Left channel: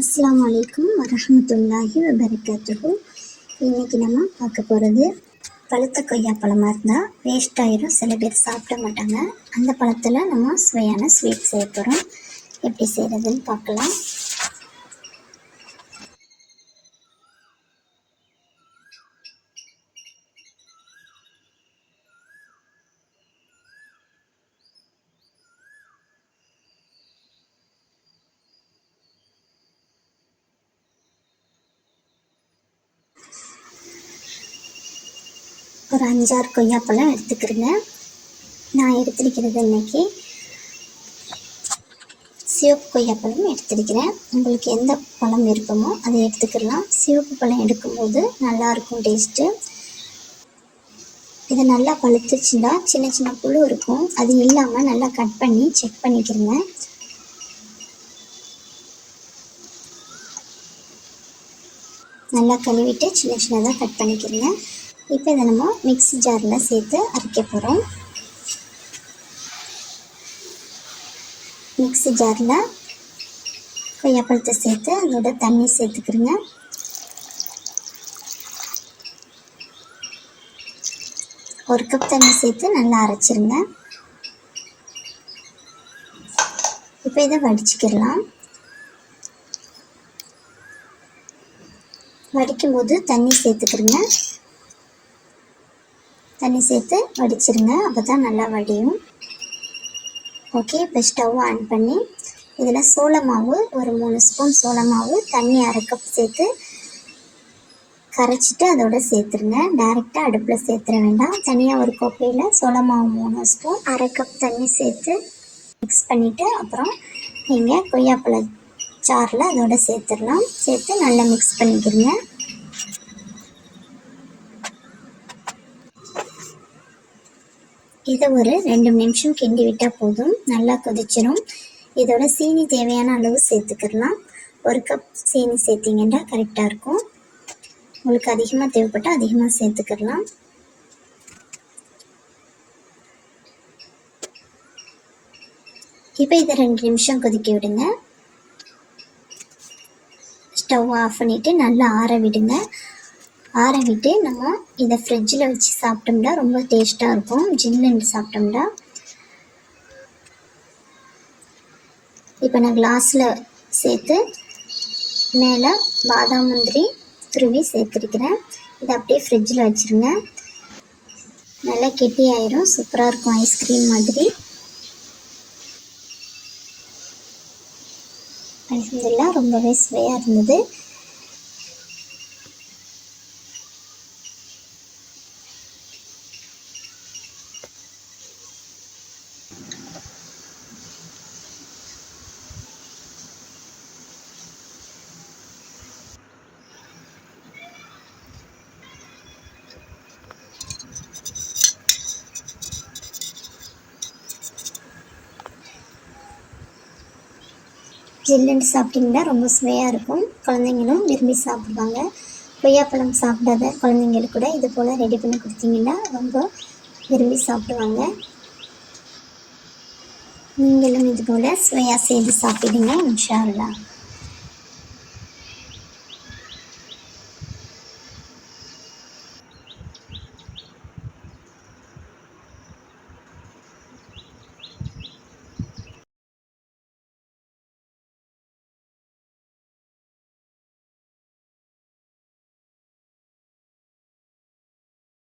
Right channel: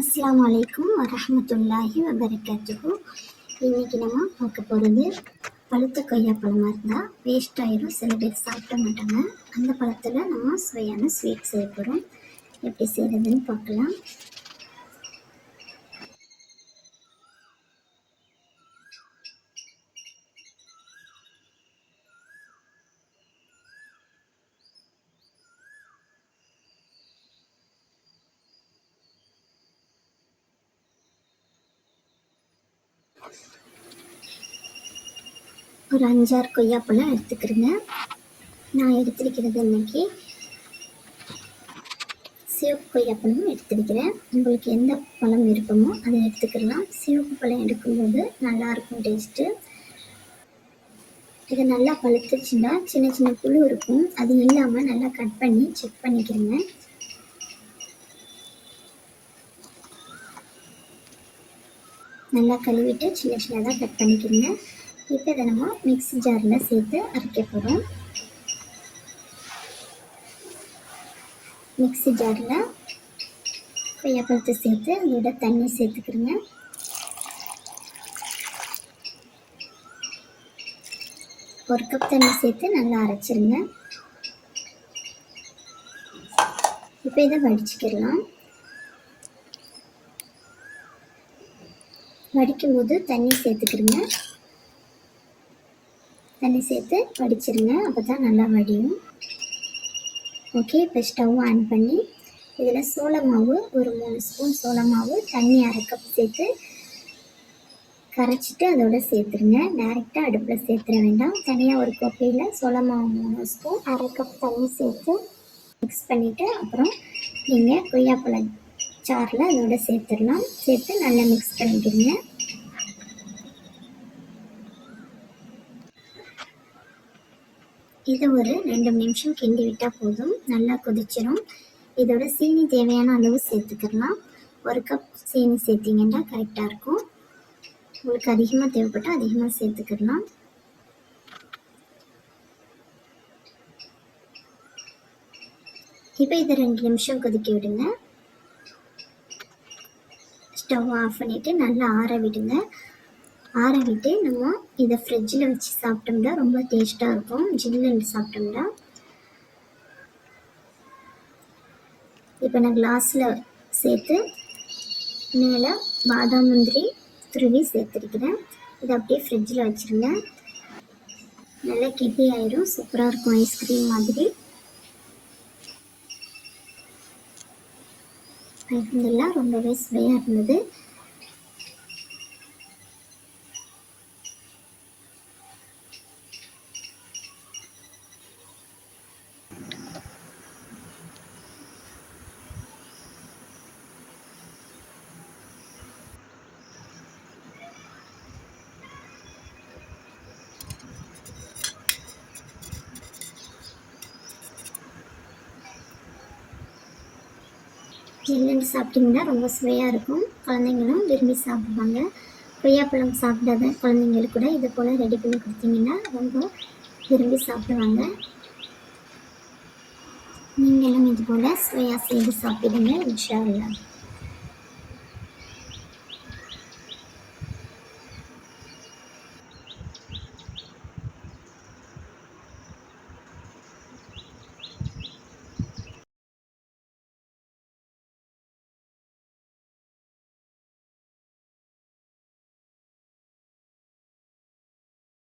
அஸ்லாம் அலைக்கும் வரமத்துல்லாஹி வபரகாத்துகு இன்றைக்கி நம்ம பார்க்க போகிறது பழுத்த கொய்யா பழமாக இருந்தால் வேஸ்ட் ஆகிரும் சில பேர் சாப்பிட மாட்டாங்க. அந்த பழத்தில் நம்ம சுவையான ஸ்வீட் செய்ய போகிறோம் எப்படி செய்கிறதுன்னு பார்க்கலாம். ஒரு அஞ்சாறு கொய்யாப்பழம் எடுத்துக்கிறேங்க நான் எடுத்திருக்கிறது இன்னைக்கு சிவப்பு கொய்யாப்பழம் எடுத்திருக்கிறேன். உங்களுக்கு எந்த பழம் விருப்பமோ அதை எடுத்துக்கலாம் சிவப்பு பழம் எடுக்கும்போது நல்லாயிருக்கும் டேஸ்ட்டு. இது நல்லா பழுத்துச்சுன்னா சின்ன சின்ன புழு இருக்கும். அது இல்லாமல் நல்லா கட் பண்ணி செக் பண்ணிக்கிறேங்க நல்லா கழுவிட்டு சின்ன சின்னதாக கட் பண்ணிக்கிறேங்க இப்போ இதை நம்ம மிக்ஸி ஜாரில் சேர்த்து அரைக்க போகிறோம் மிக்ஸி ஜாரில் கொய்யாப்பழத்தை சேர்த்து அதோட தண்ணி சேர்த்துக்கிறோங்க. ஒரு கப் தண்ணி சேர்த்து நல்லா அரைச்சிருங்க. இப்போ இதை வடிச்சுக்கிடலாம். வடிக்கும் போது தண்ணி சேர்த்துக்கிறோங்க. தண்ணி சேர்த்து வடிச்சிருங்க. அப்போ தான் நல்லா வடியும். ஓகே இப்போ ஸ்டவ் ஆன் பண்ணி இதில் சோள மாவு ஒரு மூணு ஸ்பூன் சோள மாவு தண்ணி அரை கப் சேர்த்து கரைச்சிட்டு அதோட சேர்த்துருங்க. டைரெக்டாக அடுப்பில் சேர்த்துட வேண்டாம். தனியாக ஒரு கோப்பையில் சோள மாவு மூணு ஸ்பூன் அரை கப் தண்ணி சேர்த்து மிக்ஸ் பண்ணிவிட்டு அப்புறம் நீங்கள் கொய்யாப்பழ சாறில் அதோட சேர்த்துடலாம். சேர்த்து நல்லா மிக்ஸ் பண்ணிக்கிறீங்க இதை ஒரு ரெண்டு நிமிஷம் கிண்டி விட்டால் போதும். நல்லா கொதிச்சிடும் இதோட சீனி தேவையான அளவு சேர்த்துக்கிடலாம் ஒரு கப் சீனி சேர்த்திங்கன்னா கரெக்டாக இருக்கும். உங்களுக்கு அதிகமாக தேவைப்பட்டால் அதிகமாக சேர்த்துக்கிடலாம் இப்போ இதை ரெண்டு நிமிஷம் கொதிக்க விடுங்க. ஸ்டவ் ஆஃப் பண்ணிவிட்டு நல்லா ஆற விடுங்க. ஆறவிட்டு நம்ம இதை ஃப்ரிட்ஜில் வச்சு சாப்பிட்டோம்னா ரொம்ப டேஸ்ட்டாக இருக்கும். ஜில்லுன்னு சாப்பிட்டோம்னா. இப்போ நான் கிளாஸில் சேர்த்து மேலே பாதாம் முந்திரி துருவி சேர்த்துருக்கிறேன். இதை அப்படியே ஃப்ரிட்ஜில் வச்சுருங்க. நல்லா கெட்டி ஆயிரும். சூப்பராக இருக்கும் ஐஸ்கிரீம் மாதிரி. அலமதுல்லா ரொம்பவே சுவையாக இருந்தது. ஜில்லுன்னு சாப்பிட்டிங்கன்னா ரொம்ப சுவையாக இருக்கும். குழந்தைங்களும் விரும்பி சாப்பிடுவாங்க. கொய்யாப்பழம் சாப்பிடாத குழந்தைங்களுக்கு கூட இது போல் ரெடி பண்ணி கொடுத்தீங்கன்னா ரொம்ப விரும்பி சாப்பிடுவாங்க. நீங்களும் இது போல் சுவையாக செய்து சாப்பிடுங்க இன்ஷா